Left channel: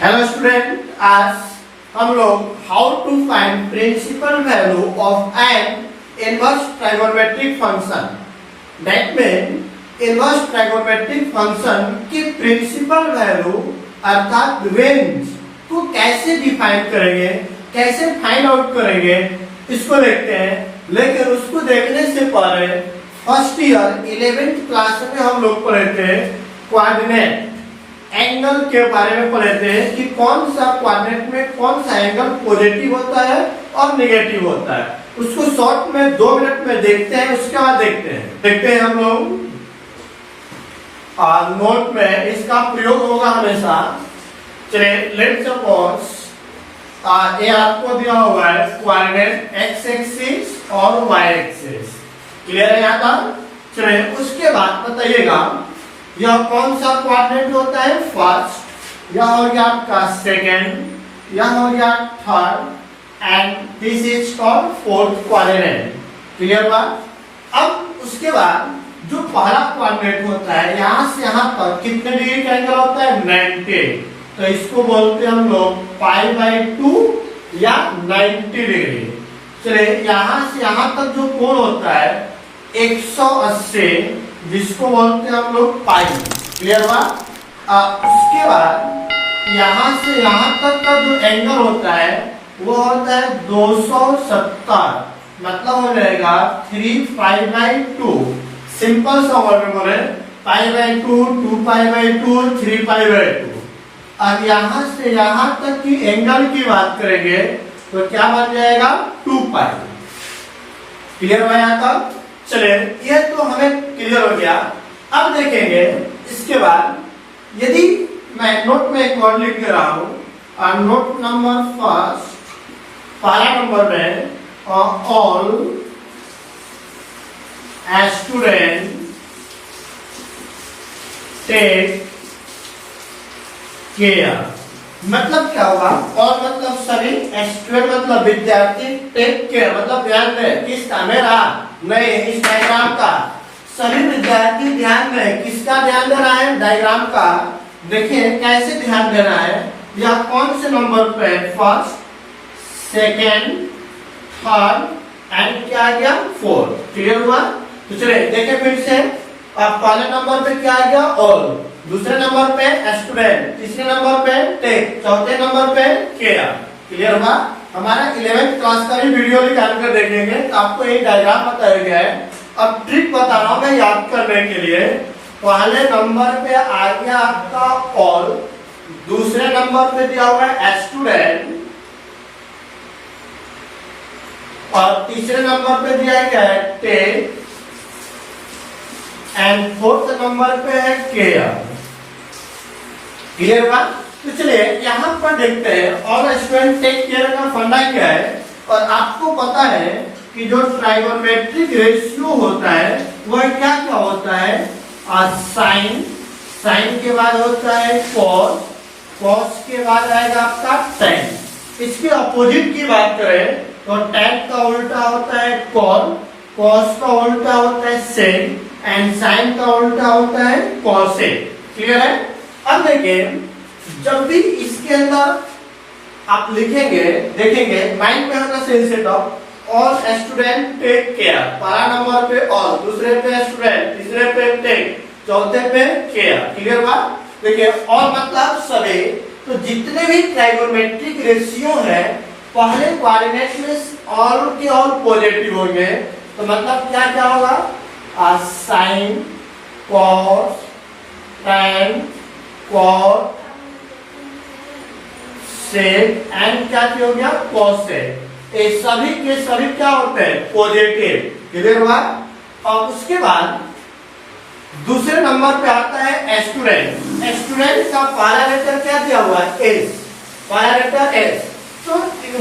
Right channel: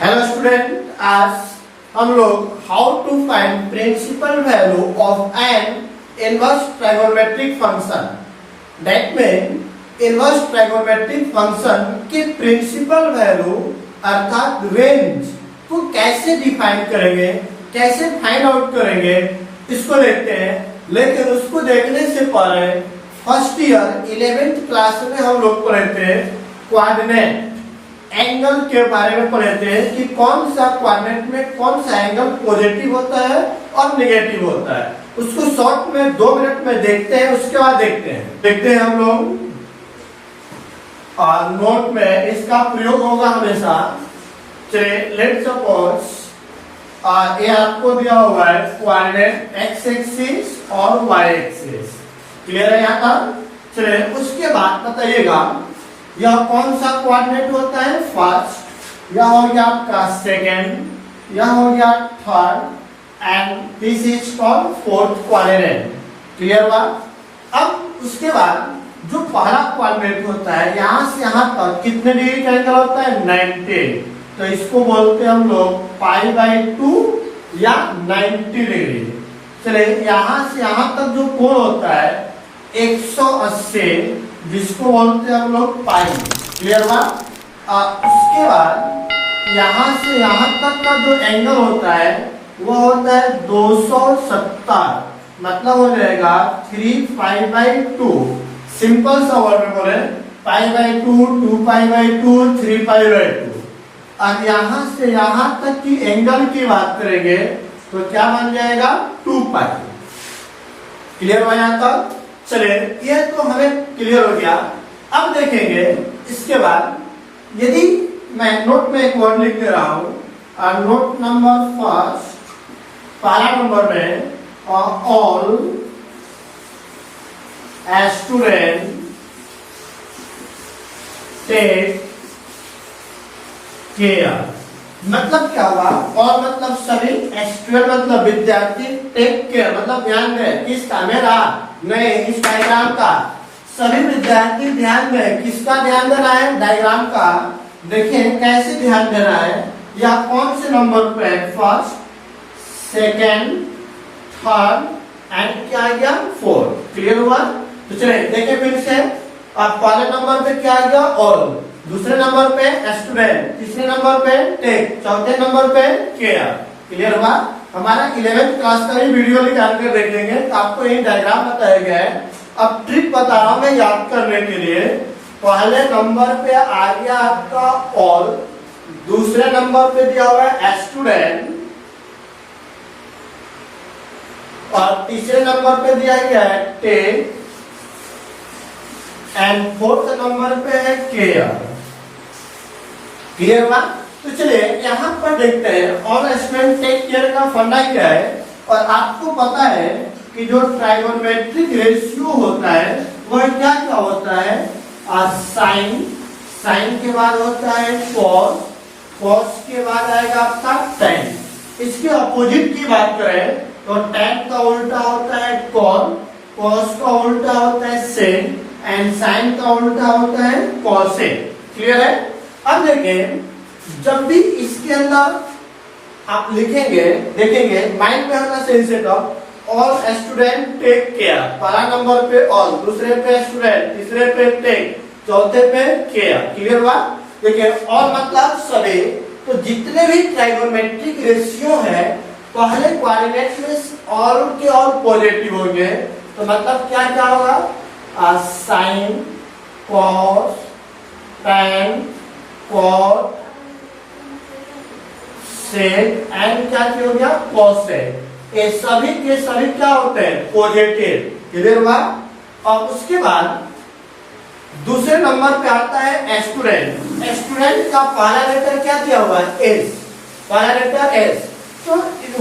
Hello student, आज हम लोग how to find principal value of an inverse trigonometric function. That mean inverse trigonometric function की principal value अर्थात range को कैसे डिफाइन करेंगे, कैसे फाइंड आउट करेंगे, इसको देखते हैं। लेकिन उसको देखने से पहले फर्स्ट ईयर 11th क्लास में हम लोग पढ़े थे कोऑर्डिनेट एंगल के बारे में पढ़े थे कि कौन सा कोऑर्डिनेट में कौन सा एंगल पॉजिटिव होता है और नेगेटिव होता है। उसको शॉर्ट में 2 मिनट में देखते हैं, उसके बाद देखते हैं हम लोग। नोट में इसका प्रयोग होगा हमेशा। चलिए लेट्स सपोज ये आपको दिया हुआ है कोऑर्डिनेट एक्स एक्सिस और वाई एक्सिस। क्लियर है यहाँ का? चलिए उसके बाद बताइएगा यह कौन सा कोऑर्डिनेट होता है। फर्स्ट, यह हो गया आपका सेकेंड, यह हो गया third and this is called fourth coordinate. Clear हुआ? अब उसके बाद जो पहला कोऑर्डिनेट होता है यहां से यहां तक कितने डिग्री का एंगल होता है? 90। तो इसको बोलते हैं हम लोग π/2 या 90 डिग्री। चलिए यहां से यहां तक जो कोण होता है 180, जिसको बोलते हैं हम लोग पाई। क्लियर हुआ? उसके बाद यहां से यहां तक का जो एंगल होता है वो होता है 270, मतलब हो जाएगा 3π/2। सिंपल सा वर्ड बोले π/2, 2π/2, 3π/2। अब यहां से यहां तक की एंगल की बात करेंगे तो क्या बन जाएगा? 2π। क्लियर हुआ यहाँ तक? चलिए ये तो हमें क्लियर हो गया। अब देखेंगे इसके बाद यदि मैं नोट में एक वर्ड लिख दे रहा हूं और नोट नंबर फर्स्ट पहला नंबर में ऑल स्टूडेंट टेक केयर। मतलब क्या हुआ? और मतलब सभी, स्टूडेंट मतलब विद्यार्थी, टेक केयर मतलब ध्यान दें। किसका? मेरा नहीं, इस डायग्राम का। सभी विद्यार्थी ध्यान दें। किसका ध्यान देना है? डायग्राम का। देखिए कैसे ध्यान देना है। यह कौन से नंबर पे? फर्स्ट, सेकेंड, थर्ड एंड क्या आ गया? फोर्थ। क्लियर हुआ? तो चलिए देखिए फिर से। अब पहले नंबर पे क्या आ गया? ऑल, दूसरे नंबर पे स्टूडेंट, तीसरे नंबर पे टेक, चौथे नंबर पे केयर। क्लियर होगा? हमारा 11th क्लास का भी वीडियो निकाल कर देखेंगे तो आपको ये डायग्राम बताया गया है। अब ट्रिक बता रहा हूं मैं याद करने के लिए। पहले नंबर पे आ गया आपका ऑल, दूसरे नंबर पे दिया हुआ है स्टूडेंट और तीसरे नंबर पे दिया गया है टेक एंड फोर्थ नंबर पे है केयर। क्लियर हुआ? तो चलिए यहाँ पर देखते हैं और स्टूडेंट टेक केयर का फंडा क्या है। और आपको पता है कि जो ट्राइगोनोमेट्रिक रेशियो होता है वह क्या क्या होता है? साइन, साइन के बाद होता है कॉस, कॉस के बाद आएगा आपका टेन। इसके अपोजिट की बात करें तो टेन का उल्टा होता है कॉन, कॉस का उल्टा होता है सेन एंड साइन का उल्टा होता है कॉसेक। क्लियर है? अब देखिए जब भी इसके अंदर आप लिखेंगे, देखेंगे माइंड में होना सेंसेट of all student take care. पहला नंबर पे ऑल, दूसरे पे स्टूडेंट, तीसरे पे टेक, चौथे पे केयर। क्लियर हुआ? देखिए ऑल मतलब सभी। तो जितने भी ट्राइगोनोमेट्रिक रेशियो है पहले कोऑर्डिनेट में ऑल के ऑल पॉजिटिव होंगे। तो मतलब क्या क्या होगा? Sine, cos, tan, cot, sec and क्या हो गया? कॉसेक। ये सभी के सभी क्या होते हैं? पॉजिटिव। क्लियर हुआ? और उसके बाद दूसरे नंबर पे आता है स्टूडेंट। स्टूडेंट का पहला लेटर क्या दिया हुआ है? एस। पहला लेटर एस। तो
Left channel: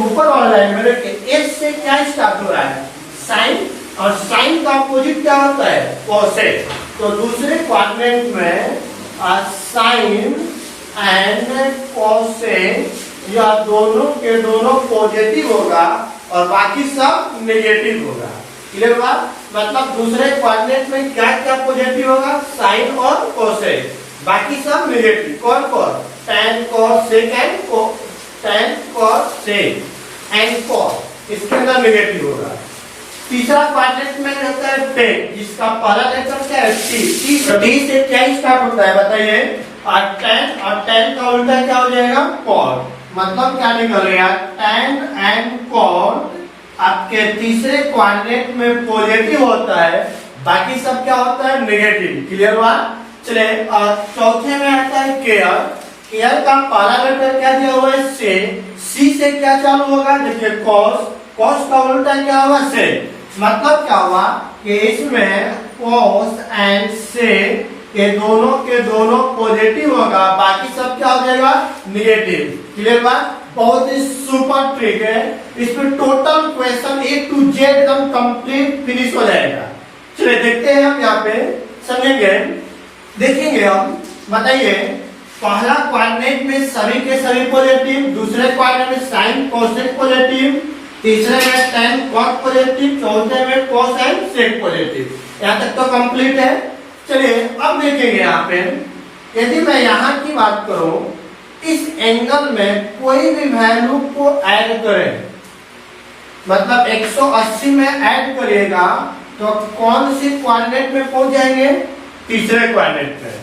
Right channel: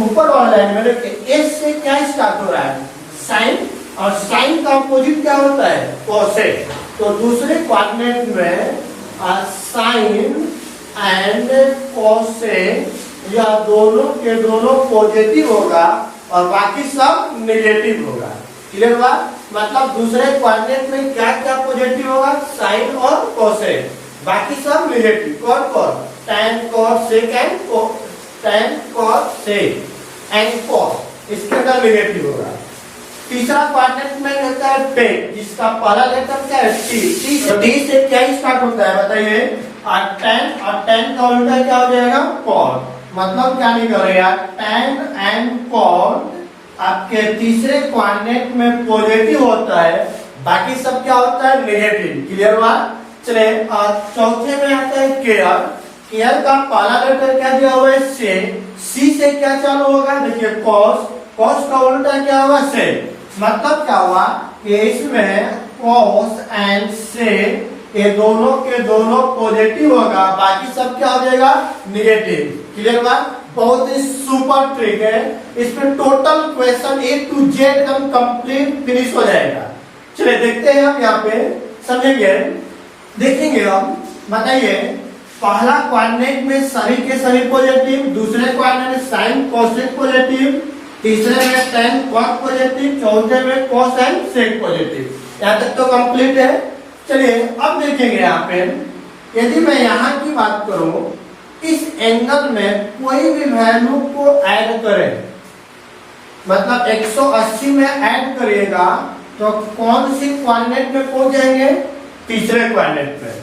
ऊपर वाला लाइन में देखिए एस से क्या स्टार्ट हो रहा है? साइन, और साइन का अपोजिट क्या होता है? कॉसेक। तो दूसरे कोऑर्डिनेट में साइन एंड कॉसेक या दोनों के दोनों पॉजिटिव होगा और बाकी सब नेगेटिव होगा। क्लियर हुआ? मतलब दूसरे कोऑर्डिनेट में क्या क्या पॉजिटिव होगा? साइन और कोसेक, बाकी सब नेगेटिव। कौन कौन? tan cos sec and tan cos sec and cos, इसके अंदर नेगेटिव होगा। तीसरा क्वाड्रेंट में रहता है tan, जिसका पहला लेटर क्या है t से क्या स्टार्ट होता है बताइए, और tan का उल्टा क्या हो जाएगा cos, मतलब क्या निकलेगा tan एंड cos आपके तीसरे क्वाड्रेंट में पॉजिटिव होता है, बाकी सब क्या होता है नेगेटिव। क्लियर हुआ? चले और चौथे में आता है केयर का पहला लेटर क्या दिया हुआ है सी से क्या चालू होगा देखिए कॉस का उल्टा क्या होगा से, मतलब क्या हुआ कि इसमें कॉस एंड से ये दोनों के दोनों पॉजिटिव होगा, बाकी सब क्या हो जाएगा नेगेटिव। क्लियर बात? बहुत ही सुपर ट्रिक है, इसमें total question A to Z एकदम कंप्लीट फिनिश हो जाएगा। चलिए देखते हैं हम यहाँ पे समझेंगे, देखेंगे हम। बताइए पहला क्वाड्रेंट में सभी के सभी पॉजिटिव, दूसरे क्वाड्रेंट में साइन कोसेक पॉजिटिव, तीसरे में tan cos पॉजिटिव, चौथे में cos एंड sec पॉजिटिव। यहाँ तक तो कंप्लीट है। चलिए अब देखेंगे यहाँ पे, यदि मैं यहाँ की बात करूं, इस एंगल में कोई भी वैल्यू को ऐड करें, मतलब 180 में ऐड करिएगा तो कौन सी क्वाड्रेंट में पहुंच जाएंगे? तीसरे क्वाड्रेंट में।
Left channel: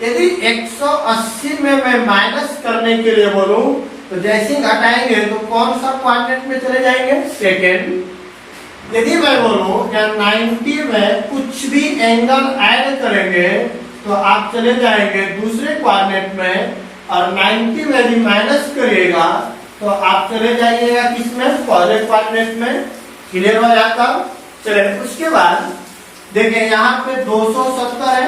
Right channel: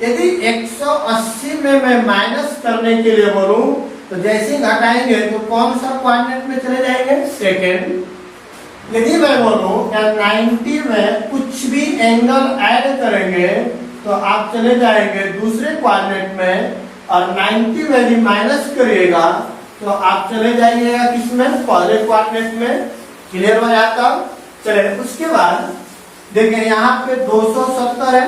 यदि 180 में मैं माइनस करने के लिए बोलूं तो जैसे ही घटाएंगे तो कौन सा क्वाड्रेंट में चले जाएंगे? सेकेंड। यदि मैं बोलूं 90 में कुछ भी एंगल ऐड करेंगे तो आप चले जाएंगे दूसरे क्वाड्रेंट में, और 90 में यदि माइनस करिएगा तो आप चले जाइएगा किसमें? पहले क्वाड्रेंट में। क्लियर हो जाता? चले उसके बाद देखिए यहाँ पे 270 है,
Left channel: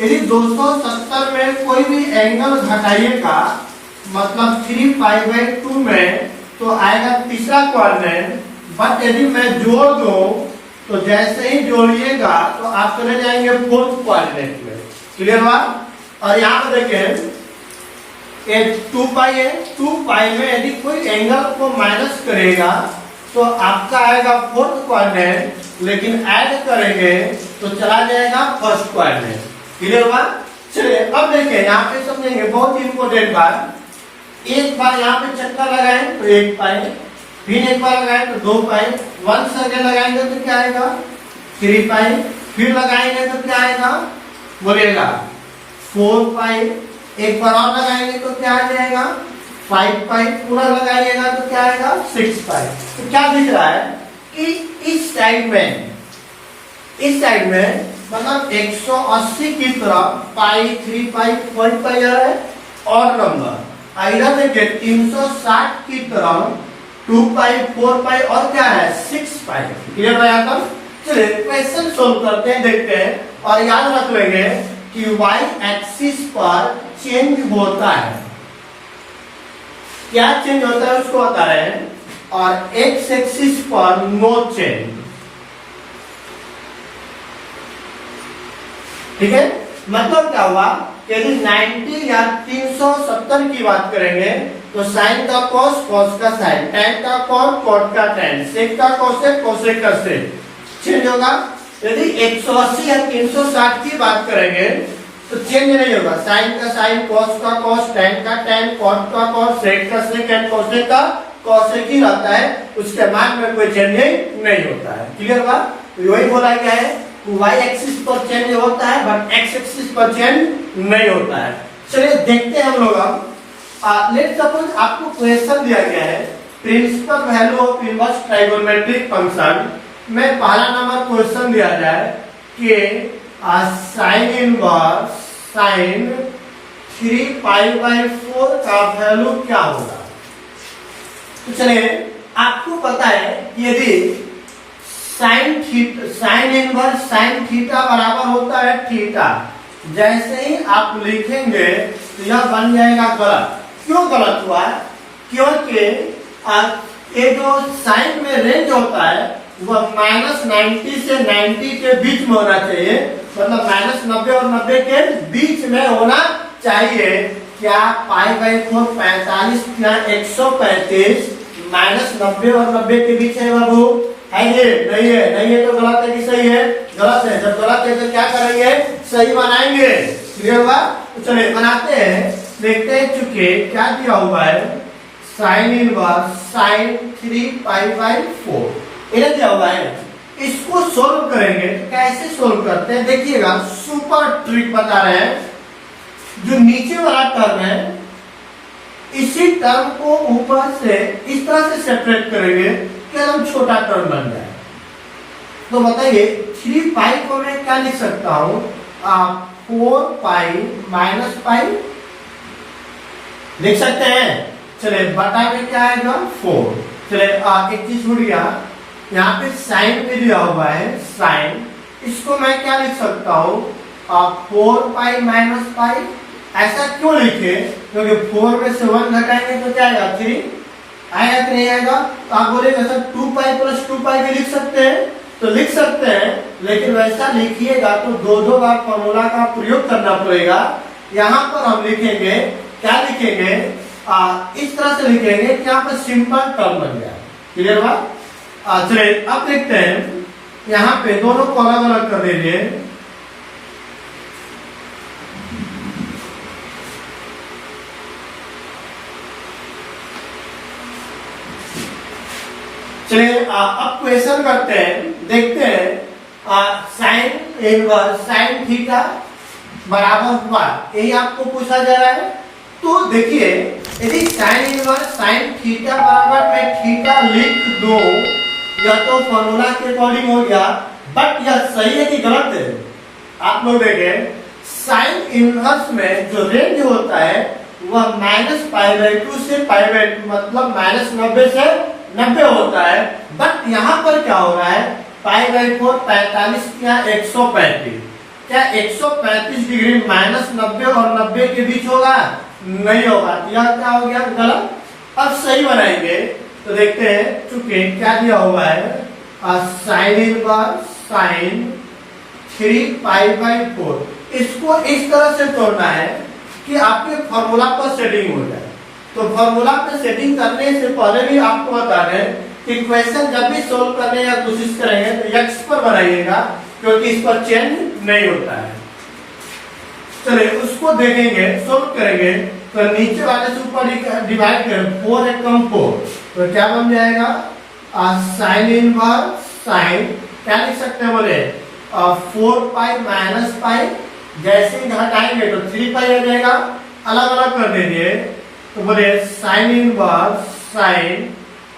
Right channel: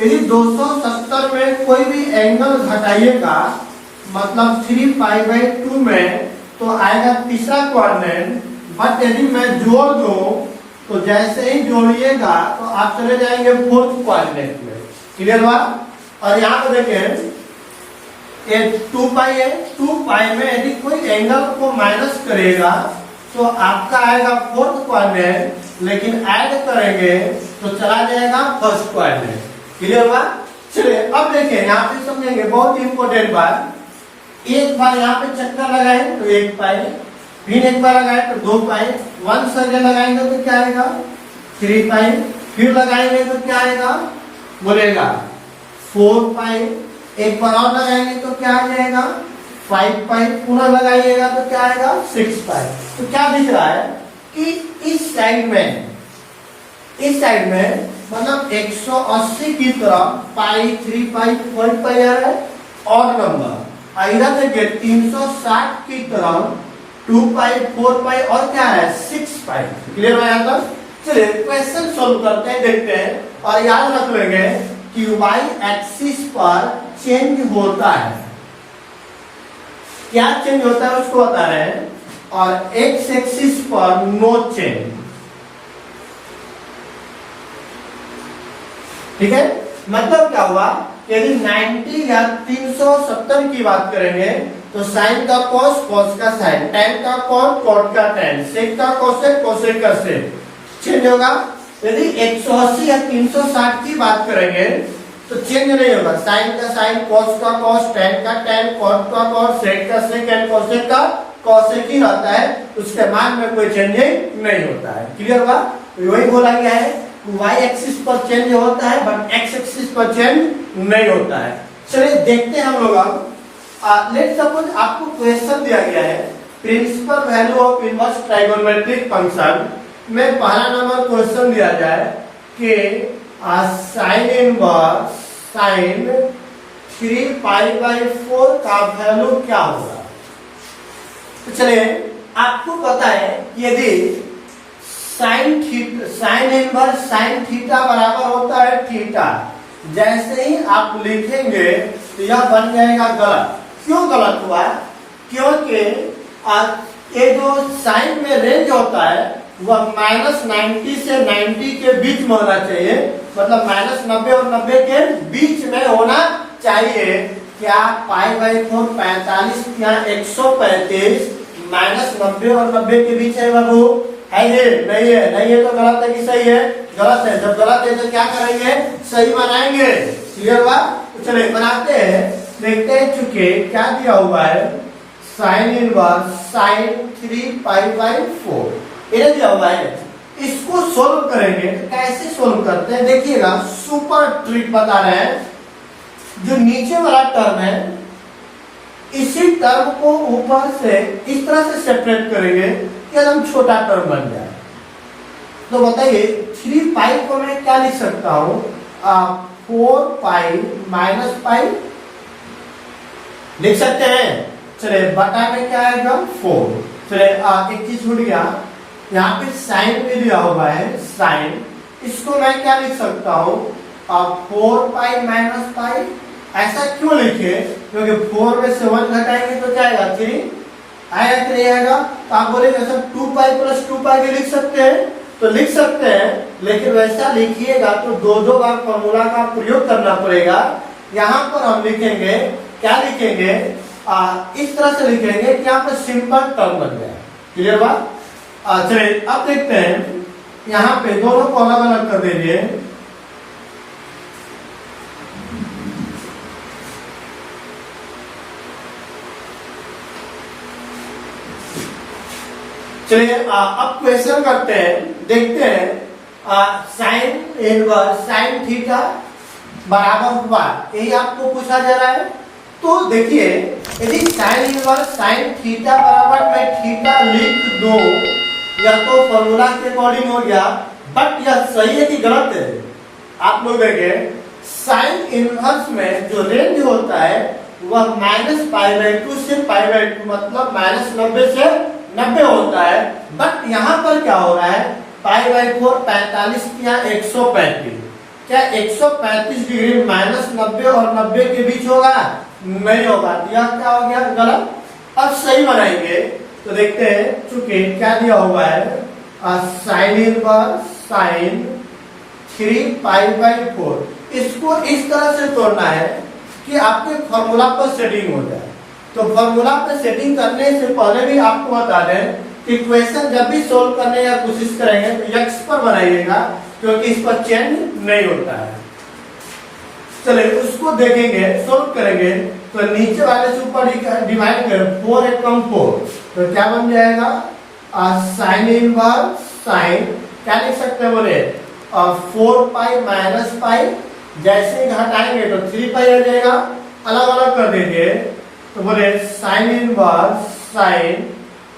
यदि 270 में कोई भी एंगल घटाइएगा मतलब 3π/2 में तो आएगा तीसरा क्वाड्रेंट, बट यदि मैं जोड़ दूं तो जैसे ही जोड़िएगा तो आप चले जाएंगे फोर्थ क्वाड्रेंट में। क्लियर हुआ? और यहाँ पे देखें ये 2π है, 2π में यदि कोई एंगल को माइनस करेगा तो आपका आएगा फोर्थ क्वाड्रेंट, लेकिन ऐड करेंगे तो चला जाएगा फर्स्ट क्वाड्रेंट। क्लियर हुआ? चलिए अब देखिए यहाँ पे समझेंगे बहुत इंपॉर्टेंट बात। एक बार यहाँ पे चक्कर लगाएं तो 1π, फिर एक बार लगाएं तो 2π, 1 सर्कल लगाएंगे तो क्या आएगा 3π, फिर लगाएंगे तो क्या आएगा बोलेगा 4π, एक बार और लगाएंगे तो क्या आ जाएगा 5π, पुनः लगाइएगा तो क्या आएगा 6π। तो क्या दिख रहा है कि इस साइड में मतलब 180 की तरफ पाई 3π 4π है और नंबर, इधर देखिए 360 की तरफ 2π 4π और क्या है 6π। क्लियर है? यहाँ तक चलिए क्वेश्चन सोल्व करते हैं, देखते हैं। और याद रख लेंगे कि y एक्सिस पर चेंज होता है, क्या चेंज होता है उसको बता रहे हैं, और x एक्सिस पर नो चेंज। ठीक है? मतलब क्या हुआ, यदि 90 या 370 की बात करेंगे तो साइन का कॉस, कॉस का साइन, tan का कॉस, कॉट का tan, सेक का कोसेक, कोसेक का सेक चेंज होगा। यदि 180 या 360 की बात करेंगे तो चेंज नहीं होगा, साइन का साइन, कॉस का कॉस, tan का tan, कॉट का कॉस, सेक का सेक एंड कोसेक का कोसेक ही रहता है, उसके मान में कोई चेंजिंग नहीं होता है। क्लियर हुआ? वही बोला गया है y एक्सिस पर चेंज होता है बट x एक्सिस पर चेंज नहीं होता है। चलिए देखते हैं हम लोग अब। लेट्स सपोज आपको क्वेश्चन दिया गया है principal value of inverse trigonometric function में पहला नंबर क्वेश्चन दिया जाए कि साइन इनवर्स साइन 3π/4 का वैल्यू क्या होगा। तो चलिए आपको पता है यदि साइन इनवर्स साइन थीटा बराबर होता है थीटा, जैसे ही आप लिखेंगे तो यह बन जाएगा गलत। क्यों गलत हुआ? क्योंकि ये जो साइन में रेंज होता है वह -90 से 90 के बीच में होना चाहिए, मतलब -90 और 90 के बीच में होना चाहिए। क्या π/4 45 या 135 -90 और 90 के बीच है बाबू? है ये? नहीं है। नहीं है तो गलत है कि सही है? गलत है। जब गलत है तो क्या करेंगे? सही बनाएंगे। क्लियर हुआ? तो चलिए बनाते हैं। देखते हैं, चूंकि क्या दिया हुआ है, साइन इनवर्स साइन 3π/4 ये दिया हुआ है। इसको सोल्व करेंगे तो कैसे सोल्व करते हैं देखिएगा, सुपर ट्रिक बता रहे हैं। जो नीचे वाला टर्म है इसी टर्म को ऊपर से इस तरह से सेपरेट करेंगे कि हम छोटा टर्म बन जाए। तो बताइए 3π को मैं क्या लिख सकता हूं, 4π-π लिख सकते हैं। चलिए बटा में क्या आएगा 4। चलिए एक चीज छूट गया, यहाँ पे साइन भी दिया हुआ है, साइन इसको मैं क्या लिख सकता हूँ 4π-π। ऐसा क्यों लिखे, क्योंकि 4 में से 1 घटाएंगे तो क्या आएगा 3 आएगा कि नहीं आएगा। तो आप बोलेंगे सर 2π+2π भी लिख सकते हैं, तो लिख सकते हैं, लेकिन वैसा लिखिएगा तो दो बार फॉर्मूला का प्रयोग करना पड़ेगा। यहाँ पर हम लिखेंगे, क्या लिखेंगे, इस तरह से लिखेंगे कि यहाँ पर सिंपल टर्म बन जाए। क्लियर बात। चलिए अब देखते हैं, यहाँ पे दोनों को अलग अलग कर दीजिए। चलिए अब क्वेश्चन करते हैं, देखते हैं साइन इनवर्स साइन थीटा बराबर हुआ, यही आपको पूछा जा रहा है। तो देखिए यदि साइन इनवर्स साइन थीटा बराबर में थीटा लिख दो, या तो फॉर्मूला के अकॉर्डिंग हो गया, बट यह सही है कि गलत है। आप लोग देखें साइन इनवर्स में जो रेंज होता है वह -π/2 से π/2, मतलब -90 से 90 होता है। बट यहाँ पर क्या हो रहा है, π/4 45 या 135, क्या 135 डिग्री -90 और 90 के बीच होगा, नहीं होगा। यह क्या हो गया, गलत। अब सही बनाएंगे तो देखते हैं, चूंकि क्या दिया हुआ है साइन इनवर्स साइन 3π/4, इसको इस तरह से तोड़ना है कि आपके फॉर्मूला पर सेटिंग हो जाए। तो फॉर्मूला पे सेटिंग करने से पहले भी आपको बता दें कि क्वेश्चन जब भी सोल्व करने या कोशिश करेंगे तो एक्स पर बनाइएगा, क्योंकि इस पर चेंज नहीं होता है। चलिए उसको देखेंगे, सोल्व करेंगे तो नीचे वाले से ऊपर डिवाइड करें, 4 एकम 4, तो क्या बन जाएगा साइन इनवर्स साइन, क्या लिख सकते हैं बोले 4π-π, जैसे ही घटाएंगे तो 3π हो जाएगा, अलग अलग कर दीजिए। तो बोले साइन इनवर्स साइन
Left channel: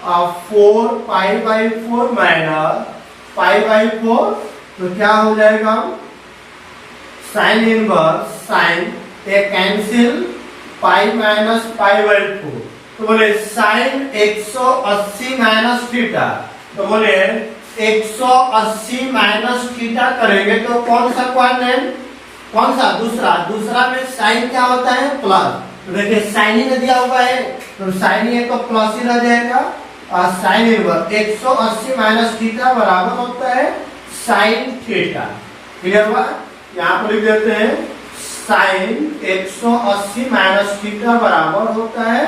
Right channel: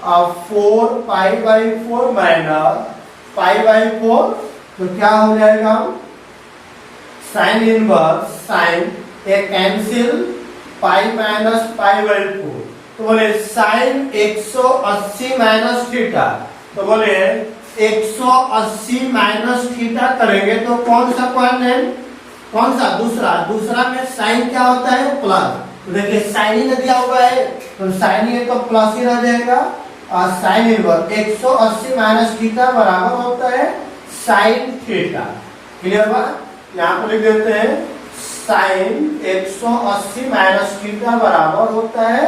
4π/4 माइनस π/4, तो क्या हो जाएगा साइन इनवर्स साइन एक कैंसिल π-π/4, तो बोले साइन 180 माइनस थीटा, तो बोले 180 माइनस थीटा करेंगे तो कौन सा क्वाड्रेंट, कौन सा दूसरा में साइन क्या होता है प्लस, तो देखिए साइन ही दिया हुआ है तो साइन ही है तो प्लस ही रह जाएगा। साइन इनवर्स 180 माइनस थीटा बराबर होता है साइन थीटा। क्लियर हुआ। यहाँ पर लिख देते हैं साइन 180 माइनस थीटा बराबर होता है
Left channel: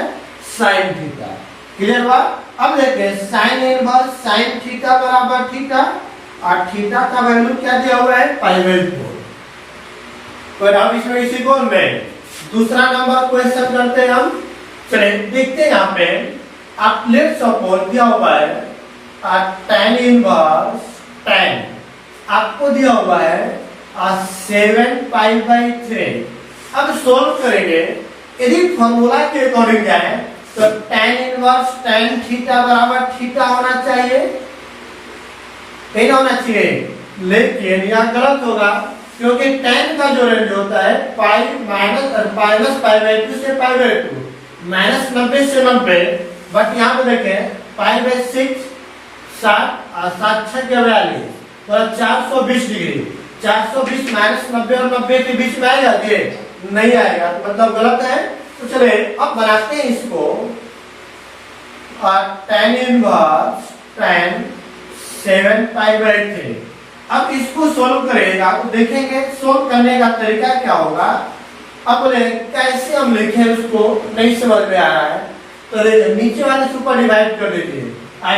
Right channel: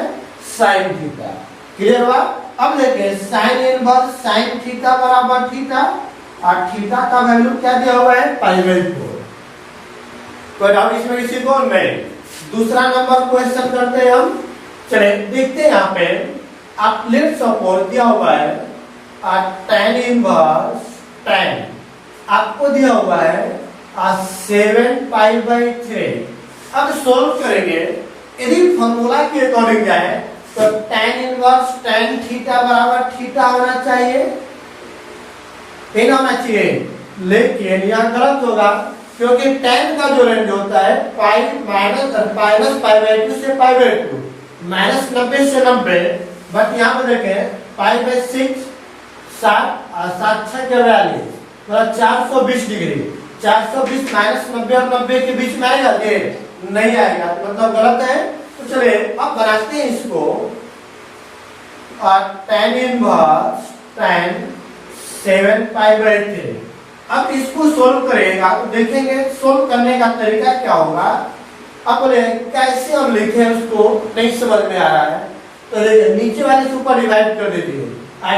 साइन थीटा। क्लियर हुआ। अब देखिए साइन इनवर्स साइन थीटा बराबर थीटा, और थीटा का वैल्यू क्या दिया हुआ है π/4। कोई डाउट इसमें किसी को नहीं। दूसरा नंबर क्वेश्चन करते हैं हम। चले देखते हैं यहाँ पे आप लेट सपोज दिया हुआ है tan इनवर्स tan, आपको दिया हुआ है 7π/3। अब सोल्व करेंगे, यदि फॉर्मूला के अकॉर्डिंग जाए तो tan इनवर्स tan थीटा बराबर थीटा होना चाहिए, यही होना चाहिए, लेकिन यह गलत होगा क्योंकि tan का जो रेंज होता है -π/2 से π/2, -90 से 90। बट यहाँ पे देखें π/6 7 42 मतलब 420 डिग्री, 420 -90 और 90 के बीच में आएगा, नहीं आएगा, मतलब गलत है। तो चलिए अब बनाते हैं इसको, और tan इनवर्स tan 7π/3। अब इसको सोल्व करेगा तो देखेंगे सोल्व करने का तरीका क्या होगा। अब बोले कैसे हम लिखें उसको नहीं समझ में आ रहा है, तो नीचे वाले से ऊपर डिवाइड कर दीजिए,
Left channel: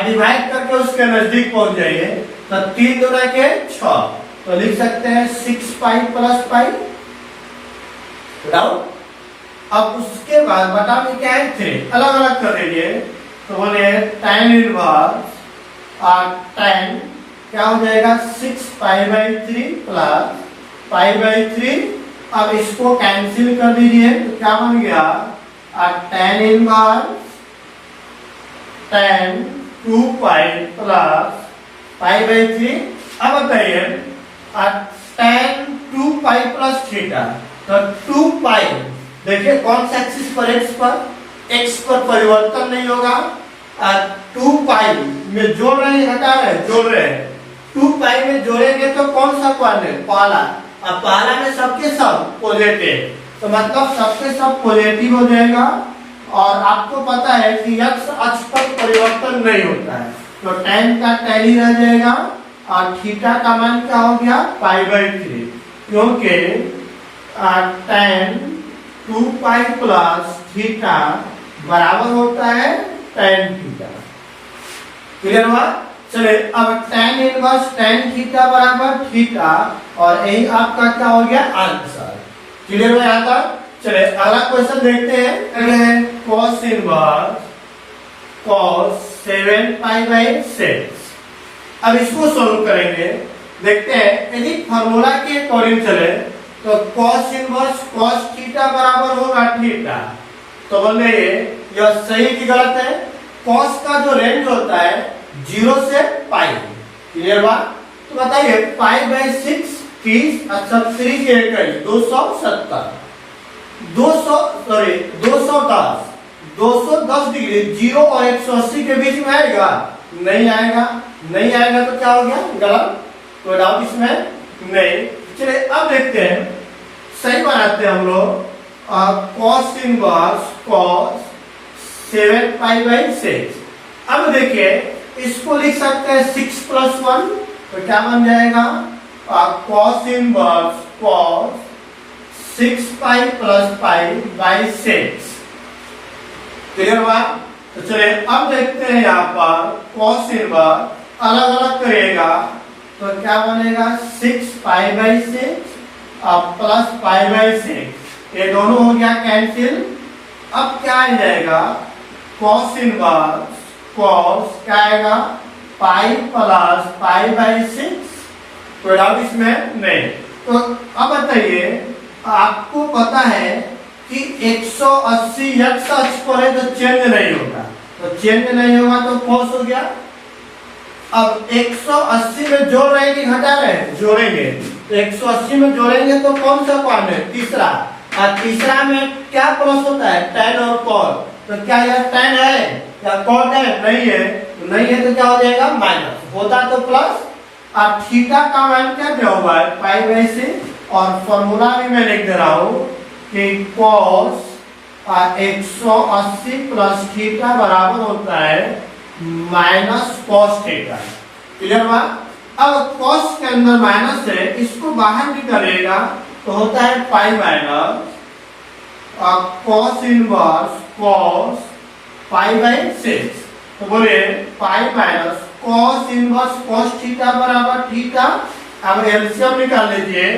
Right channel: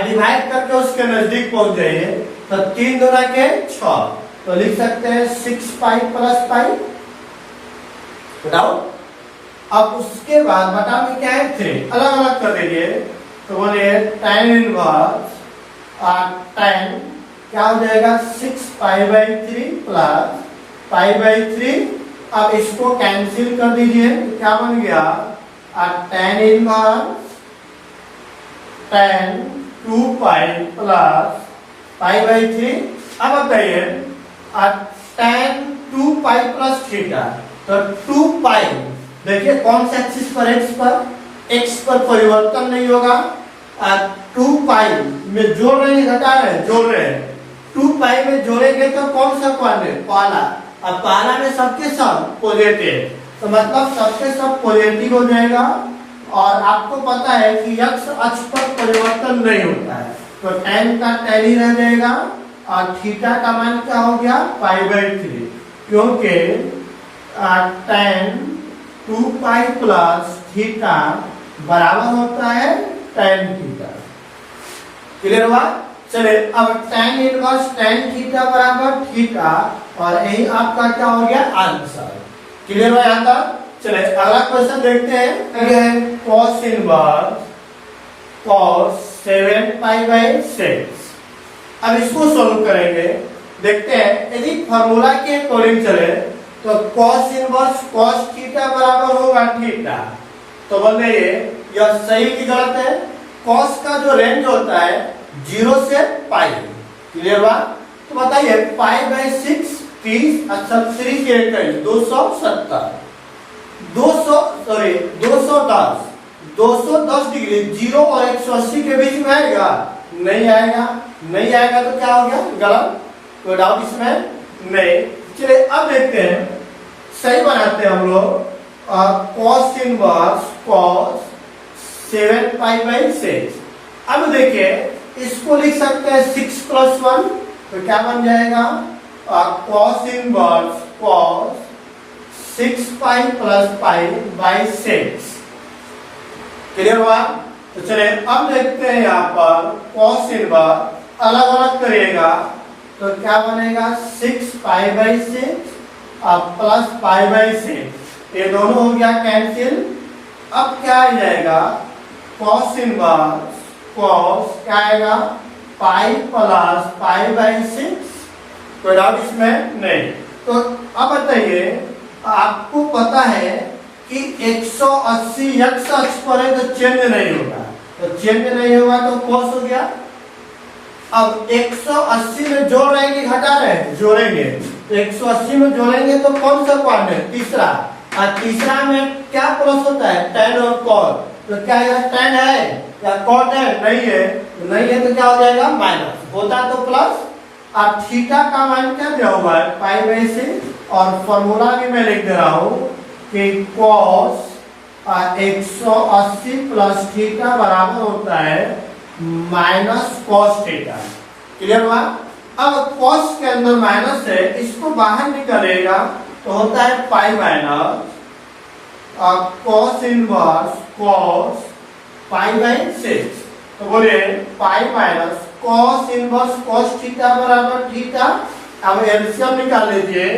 डिवाइड करके उसके नजदीक पहुंच जाइए। तो 3 2 के 6, तो लिख सकते हैं 6π + π। डाउट। अब उसके बाद बटा में क्या है 3, अलग अलग कर देंगे तो बोले tan इनवर्स tan क्या हो जाएगा 6π/3 प्लस π/3। अब इसको कैंसिल कर दीजिए तो क्या बन गया tan इनवर्स tan 2π प्लस π/3। अब बताइए tan 2π प्लस थीटा, तो 2π देखिए कौन सा एक्सिस पर, x पर परिवर्तन नहीं होगा। 2π में जोड़ रहे हैं घटा रहे हैं, जोड़ रहे हैं। 2π में जोड़ेंगे तो कौन सा क्वाड्रेंट, पहला। अब पहला में सबके सब पॉजिटिव, तो मतलब सबके सब पॉजिटिव हो जाएगा। और आपको पता है कि x अक्ष पर परिवर्तन नहीं होता है, तो tan का tan ही रह जाएगा और थीटा का मान क्या हो गया π/3, क्योंकि tan 2π प्लस थीटा बराबर होता है tan थीटा। क्लियर हुआ? चलिए अब tan इनवर्स tan थीटा बराबर थीटा, और यही आपका क्या हो गया आंसर। क्लियर हुआ यहाँ तक? चलिए अगला क्वेश्चन देखते हैं। cos inverse cos 7π/6। अब इसको सोल्व करेंगे, देखते हैं। यदि फॉर्मूला के अकॉर्डिंग चले तो cos इनवर्स cos थीटा बराबर होगा थीटा। तो बोले यह सही की गलत है? cos का जो रेंज होता है 0 से पाई। क्लियर हुआ? तो बताइए π/6 30, अच्छा 3 के 270, 210 डिग्री 0 और 180 के बीच में आएगा? नहीं आएगा। नहीं आएगा तो क्या हो गया गलत, कोई डाउट इसमें नहीं। चलिए अब देखते हैं, सही बनाते हैं हम लोग। cos inverse cos 7π/6। अब देखिए इसको लिख सकते हैं 6 + 1, तो क्या बन जाएगा cos इनवर्स cos 6π + π/6। क्लियर हुआ? तो चलिए अब देखते हैं यहाँ पर cos इनवर्स अलग अलग करिएगा तो क्या बनेगा 6π/6 और प्लस π/6, ये दोनों हो गया कैंसिल। अब क्या आ जाएगा cos इनवर्स cos क्या आएगा पाई प्लस π/6। कोई डाउट इसमें नहीं। तो अब बताइए, आपको पता है कि 180 x अक्ष पर है तो चेंज नहीं होगा, तो चेंज नहीं होगा तो cos हो गया। अब 180 में जोड़ रहे हैं कि घटा रहे हैं? जोड़ेंगे, तो 180 में जोड़ेंगे तो कौन सा क्वाड्रेंट, तीसरा। और तीसरा में क्या प्लस होता है tan और cos, तो क्या यह tan है या cos है? नहीं है, तो नहीं है तो क्या हो जाएगा माइनस, होता तो प्लस। और थीटा का मान क्या दिया हुआ है π/6, और फॉर्मूला भी मैं लिख दे रहा हूँ कि cos 180 प्लस थीटा बराबर होता है माइनस cos थीटा। क्लियर हुआ? अब cos के अंदर माइनस है, इसको बाहर निकालेगा तो होता है pi minus cos inverse cos π/6। तो बोले pi minus cos inverse cos theta बराबर थीटा। अब एलसीएम निकाल लीजिए,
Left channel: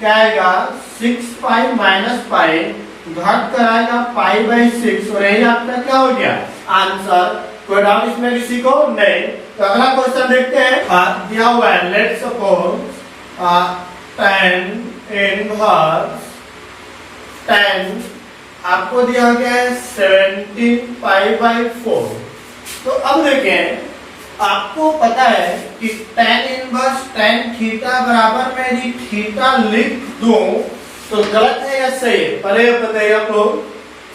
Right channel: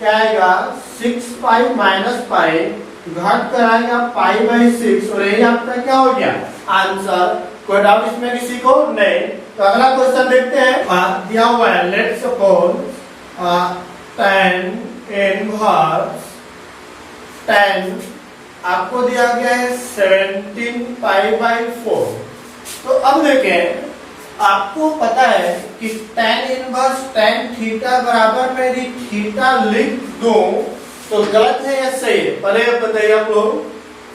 क्या आएगा 6π - π, घट कर आएगा π/6, और यही आपका क्या हो गया आंसर। कोई डाउट इसमें किसी को नहीं? तो अगला क्वेश्चन देखते हैं। दिया हुआ है let's suppose tan inverse tan आपको दिया गया है 17π/4। तो अब देखें, आपको पता है कि tan इनवर्स tan थीटा बराबर में यदि थीटा लिख दूं तो गलत है या सही है? पहले बताइए आप लोग।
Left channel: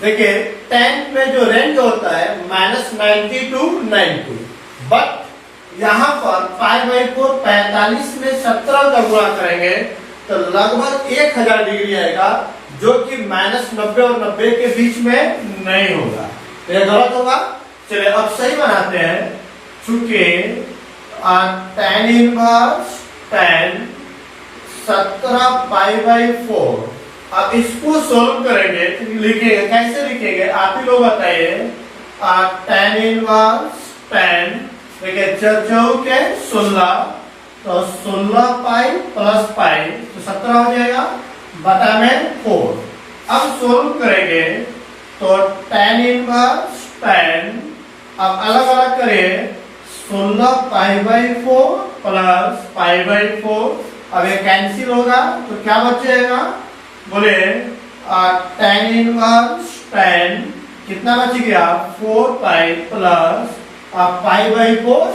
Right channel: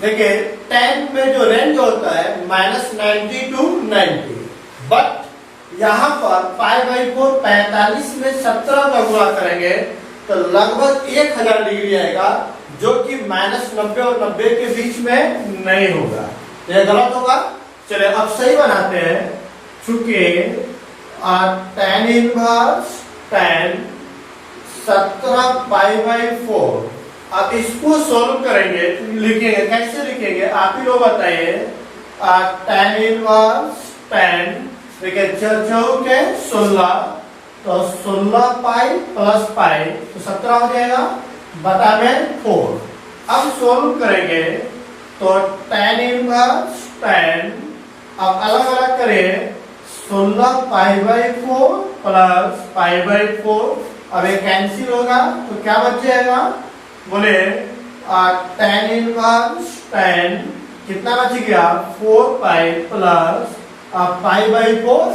देखिए tan में जो रेंज होता है -90 to 90, बट यहाँ पर π/4 45 में 17 का गुणा करेंगे तो लगभग 1000 डिग्री आएगा, जो कि -90 और 90 के बीच में नहीं होगा, तो यह गलत होगा। चलिए अब सही बनाते हैं। चूंकि tan इनवर्स tan 17π/4, अब इसको सोल्व करेंगे तो लिखेंगे, कैसे लिखेंगे आप ही लोग बताइए। tan इनवर्स tan देखिए 4 के 16, तो 16π + π तो 17 हो जाएगा, बटा में 4। अब सोल्व करेंगे तो tan इनवर्स tan, अब अलग अलग करें 16 पाई बाई 4 प्लस पाई बाई 4, अब ये कैंसिल होगा तो क्या बच जाएगा, बोले tan इनवर्स tan कितना बच गया 4 पाई प्लस पाई बाई 4।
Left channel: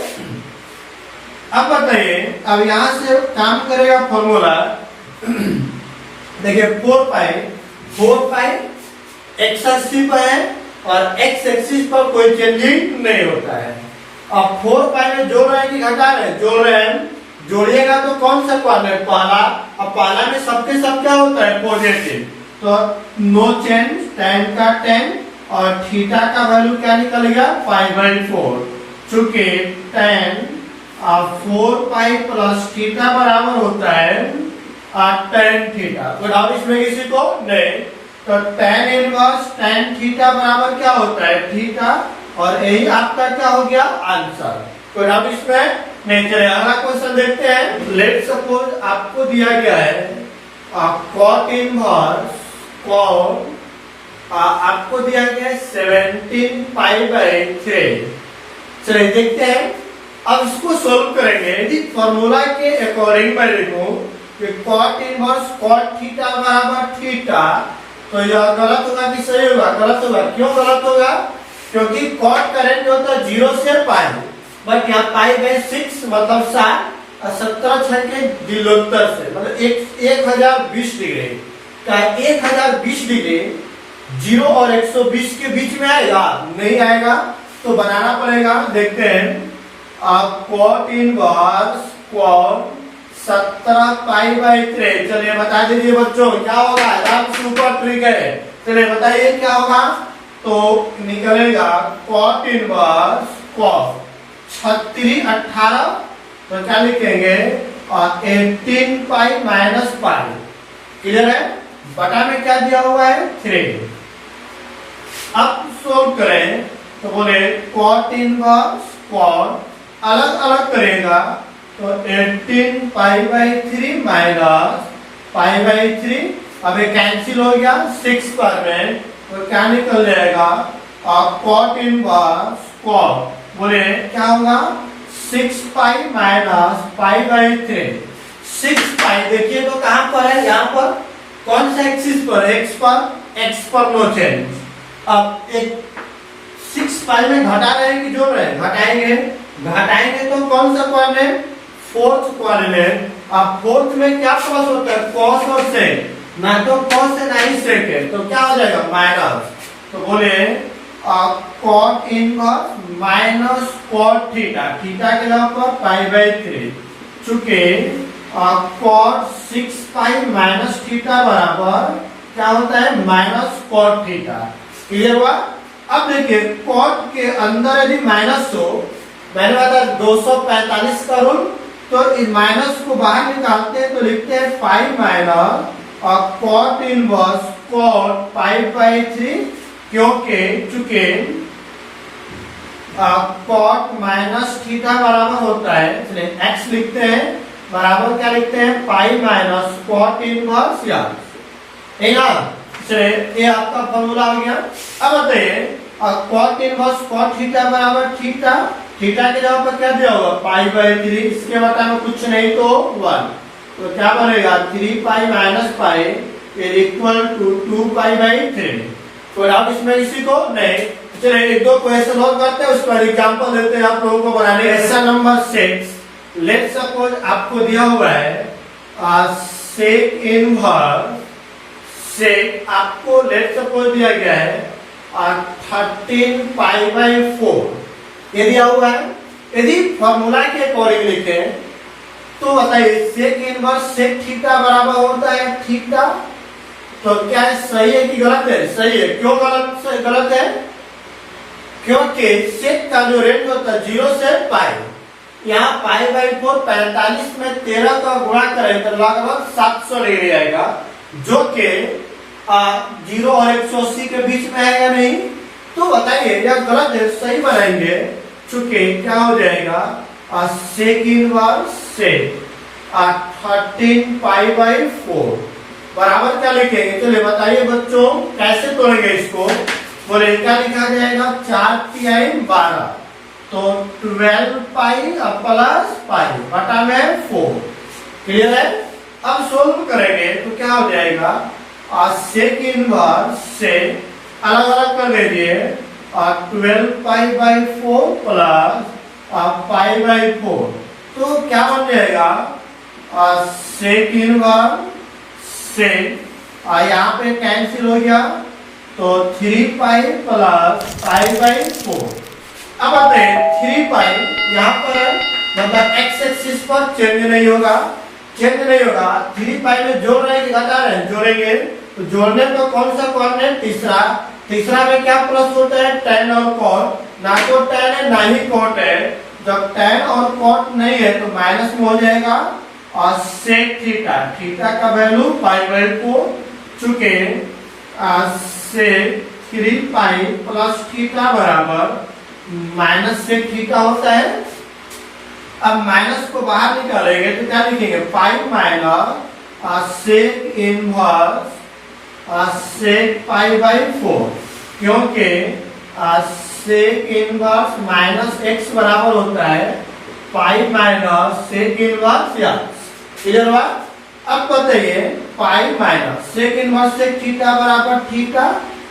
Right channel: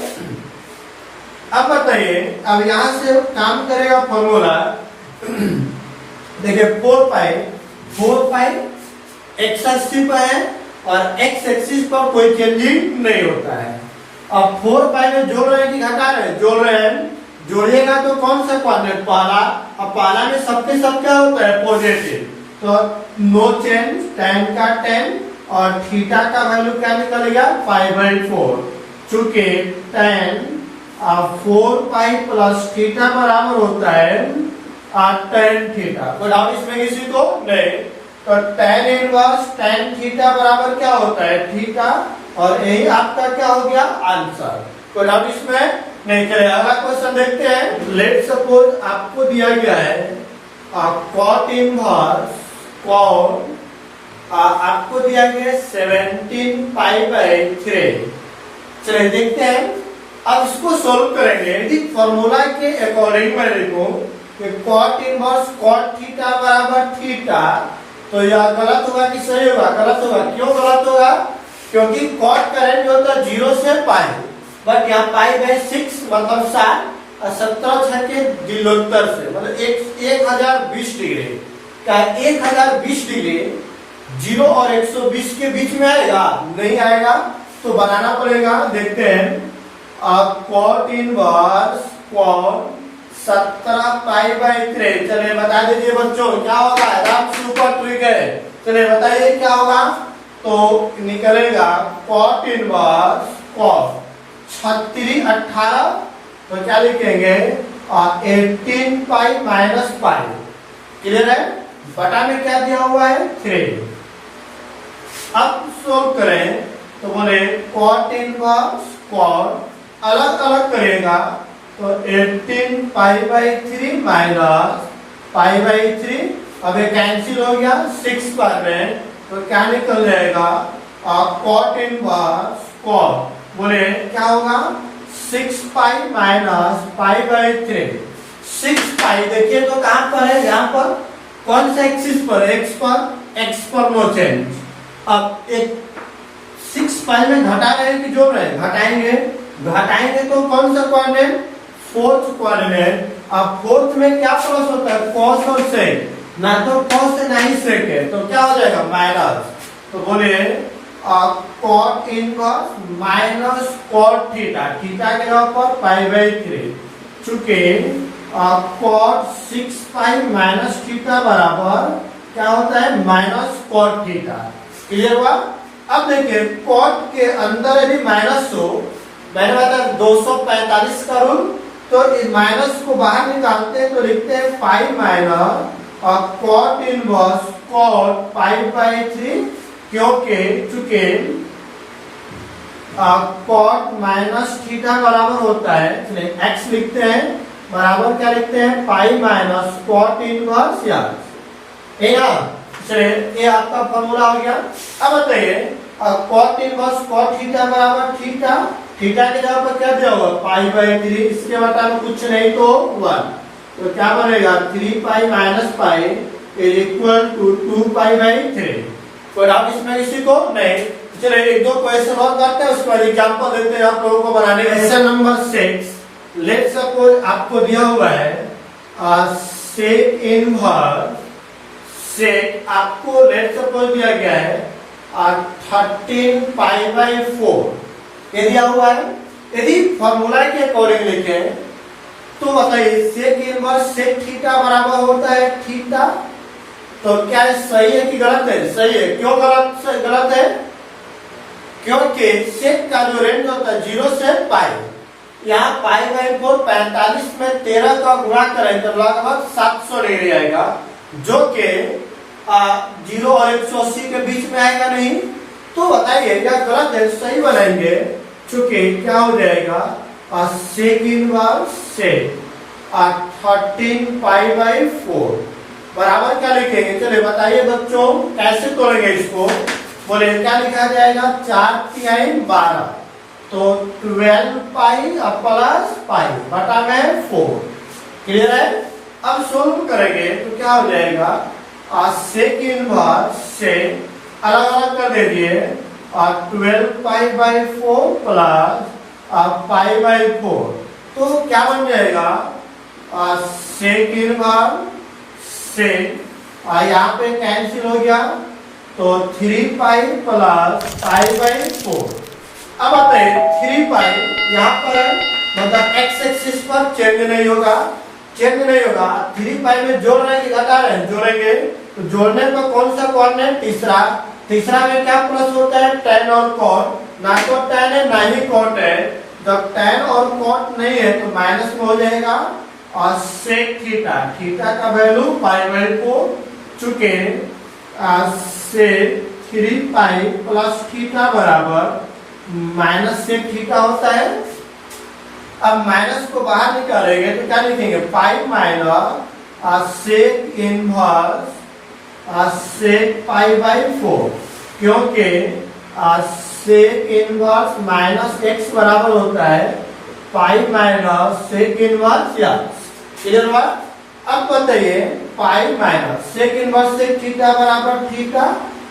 अब बताइए, अब यहां से काम करेगा फॉर्मूला, देखिए 4 पाई एक्स एक्सिस पर है और एक्स एक्सिस पर कोई चेंजिंग नहीं होता है। अब 4 पाई में जोड़ रहे हैं कि घटा रहे हैं, जोड़ रहे हैं, जोड़िएगा तो कौन सा क्वाड्रेंट, पहला, अब पहला में सबके सब क्या होता है पॉजिटिव, तो नो चेंज, tan का tan और थीटा का वैल्यू क्या निकलेगा 5/4, चूंकि tan 4 पाई प्लस थीटा बराबर होता है tan थीटा, तो डाउट इसमें किसी को नहीं, तो tan इनवर्स tan थीटा बराबर क्या होता है थीटा, और यही आपका क्या हो गया आंसर, तो डाउट इसमें नहीं। चलिए अगला क्वेश्चन देखते हैं। लेट सपोज आपको दिया गया है cot इनवर्स cot, आपको दिया गया है 17 पाई बाई 3। चलिए देखते हैं, अब इसको सोल्व करेंगे। यदि फॉर्मूला के अकॉर्डिंग मैं लिखूं कि cot इनवर्स cot थीटा बराबर थीटा, तो यह गलत होगा कि सही होगा, गलत होगा। क्यों गलत होगा, क्योंकि cot का रेंज होता है 0 से पाई, बट यहाँ पाई बाई 6 मतलब 7 और 17 6 के दिलोत्तर से मतलब 1020 डिग्री का 1020 डिग्री 0 और 120 के बीच में आएगा, नहीं आएगा, तो बनाना पड़ेगा। देखते हैं, cot inverse cot 17 pi by 3, चलिए बता दीजिए बच्चों क्या होगा, आप सुपर ट्रिक है, चलिए बताइए क्या होगा, तो निकलेगा cot इनवर्स cot 36 18, तो क्या लिखेंगे 18 पाई माइनस पाई, क्लियर है, बटा में क्या दिया हुआ है 3। अब सोल्व करें तो बोले cot इनवर्स cot अलग अलग करेगा तो 18 पाई बाई 3 माइनस पाई बाई 3, अब ये कैंसिल हो गया 6 पर में, तो क्या निकल जाएगा cot इनवर्स cot, बोले क्या होगा 6 पाई माइनस पाई बाई 3। 6 पाई देखिए तो कहां पर है, यहाँ पर कौन सा एक्सिस पर, एक्स पर नो चेंज। अब एक 6 पाई में घटा रहे हैं कि जोड़ रहे हैं, घटाएंगे तो कौन सा क्वाड्रेंट, फोर्थ क्वाड्रेंट। अब फोर्थ में क्या प्लस होता है cos और sec, ना तो cos है ना ही sec है, तो क्या हो जाएगा माइनस, तो बोले cot inverse minus cot theta, theta के जगह पर पाई बाई 3, चूंकि cot 6 पाई माइनस थीटा बराबर क्या होता है माइनस cot थीटा, क्लियर हुआ। अब देखिए cot के अंदर यदि माइनस हो, मैंने बताया 245 का रूल, तो इस माइनस को बाहर निकालते हैं तो लिखते हैं 5 माइनस और cot inverse cot pi by 3, क्योंकि चूंकि cot माइनस थीटा बराबर होता है, चलिए x लिखते हैं बराबर क्या लिखते हैं पाई माइनस cot इनवर्स चलिए ये आपका फॉर्मूला हो गया। अब बताइए cot इनवर्स cot थीटा बराबर थीटा, थीटा के जगह पर क्या दिया होगा पाई बाई 3, इसके बता में कुछ नहीं तो 1, तो क्या बनेगा 3 pi minus pi is equal to 2 pi by 3। तो आप इसमें इसी को नहीं, चलिए एक दो क्वेश्चन और करते हैं, उसका एग्जांपल देते हैं आप लोगों को बनाने। क्वेश्चन नंबर 6, लेट सपोज आपको दिया हुआ है सेक इनवर्स सेक, आपको लेट सपोज दिया गया है 13 पाई बाई 4 ये दिया हुआ है। यदि फॉर्मूला के अकॉर्डिंग लिखे तो बताइए सेक इनवर्स सेक थीटा बराबर होता है थीटा, तो क्या सही है कि गलत है, सही है। क्यों गलत है, क्योंकि सेक का जो रेंज होता है 0 से पाई, यहाँ पाई बाई 4 45 में 13 का गुणा करें तो लगभग 700 डिग्री आएगा, जो कि 0 और 180 के बीच में आएगा नहीं। तो बताइए क्या गलत है, सही बनाएंगे, चूंकि क्या हो जाएगा सेक इनवर्स सेक 13 पाई बाई 4 बराबर क्या लिखेंगे, चलिए बताइए बच्चों कैसे तोड़ेंगे इसको। बोले क्या लिखा जाएगा, 4 तिहाई 12, तो 12 पाई प्लस पाई बटा में 4। क्लियर है। अब सोल्व करेंगे तो क्या हो जाएगा, सेक इनवर्स से अलग अलग कर दीजिए, 12 पाई बाई 4 प्लस पाई बाई 4, तो क्या बन जाएगा, सेक इनवर्स से यहाँ पे कैंसिल हो गया, तो 3 पाई प्लस पाई बाई 4। अब बताइए 3 पाई यहाँ पर है, मतलब एक्स एक्सिस पर चेंज नहीं होगा, 3 पाई में जोड़ रहे हैं घटा रहे हैं, जोड़ेंगे तो जोड़ने पर कौन सा कोऑर्डिनेट, तीसरा में क्या प्लस होता है, tan और cot, ना तो tan है ना ही cot है, जब tan और cot नहीं है तो माइनस में हो जाएगा, और सेक थीटा का वैल्यू पाई बाई 4, चुके सेक 3 पाई प्लस थीटा बराबर माइनस सेक थीटा होता है। अब माइनस को बाहर निकालेंगे तो क्या लिखेंगे, pi minus sec inverse sec pi by 4, क्योंकि सेक इनवर्स माइनस एक्स बराबर होता है pi minus sec inverse x. Clear हुआ। अब बताइए pi minus sec inverse sec theta बराबर थीटा,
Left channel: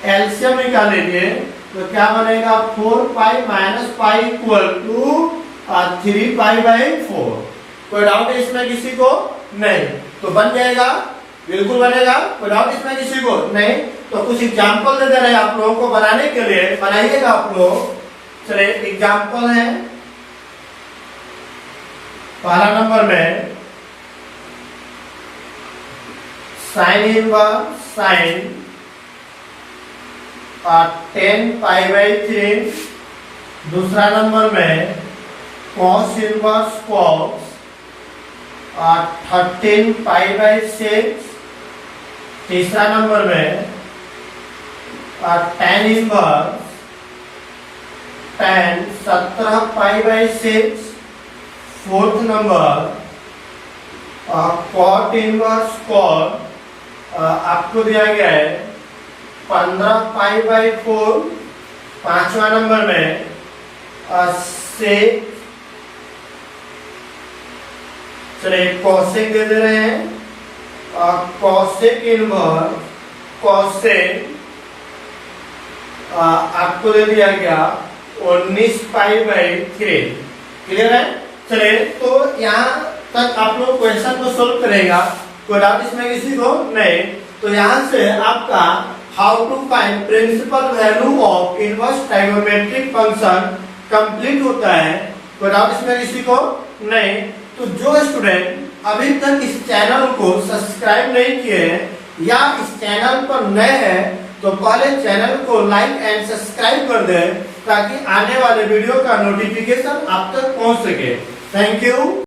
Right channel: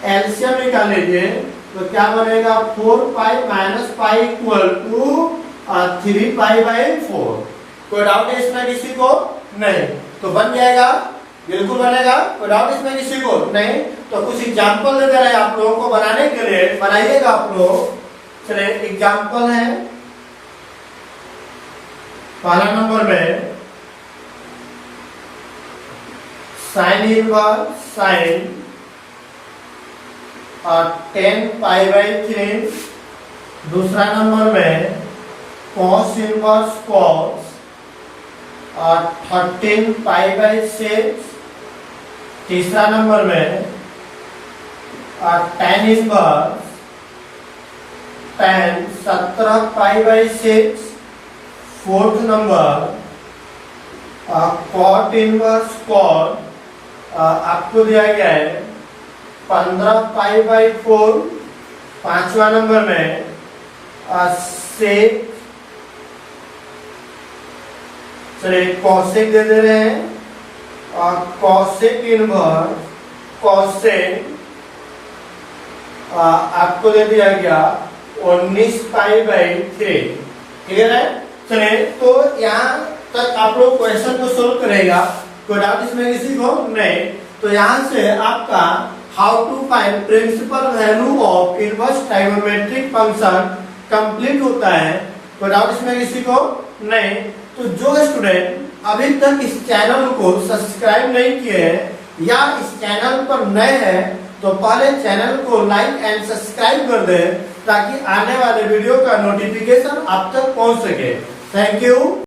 एलसीएम निकाल लीजिए तो क्या बनेगा, 4 pi minus pi equal to 3 pi by 4। कोई डाउट है इसमें किसी को, नहीं, तो बन जाएगा, बिल्कुल बनेगा, कोई डाउट इसमें किसी को नहीं। तो कुछ एग्जाम्पल दे दे रहे हैं आप लोगों को बनाने के लिए, बनाइएगा आप लोग। चलिए एग्जाम्पल है, पहला नंबर में sine inverse sine 10 pi by 3, दूसरा नंबर में cos inverse cos 13 pi by 6, तीसरा नंबर में tan inverse tan 17 pi by 6, fourth number cot inverse cot आपको दिया गया है 15 पाई बाई 4, पांचवा नंबर में सेक, चलिए कॉसेक दे दे रहे हैं, कॉसेक इनवर्स कॉसेक आपको दे दिया गया 19 पाई बाई 3। क्लियर है। चलिए तो यहाँ तक आप लोग क्वेश्चन को सोल्व करेगा, कोई डाउट इसमें किसी को नहीं। तो यहाँ से आपका how to find principal value of inverse trigonometric function complete होता है। कोई डाउट इसमें किसी को नहीं। तो जो स्टूडेंट अभी तक इस चैनल को सब्सक्राइब नहीं किए हैं या इस चैनल पर नए हैं तो पहले चैनल को लाइक एंड सब्सक्राइब कर दें ताकि आने वाले वीडियो का नोटिफिकेशन आप तक पहुंच सके। Thank you.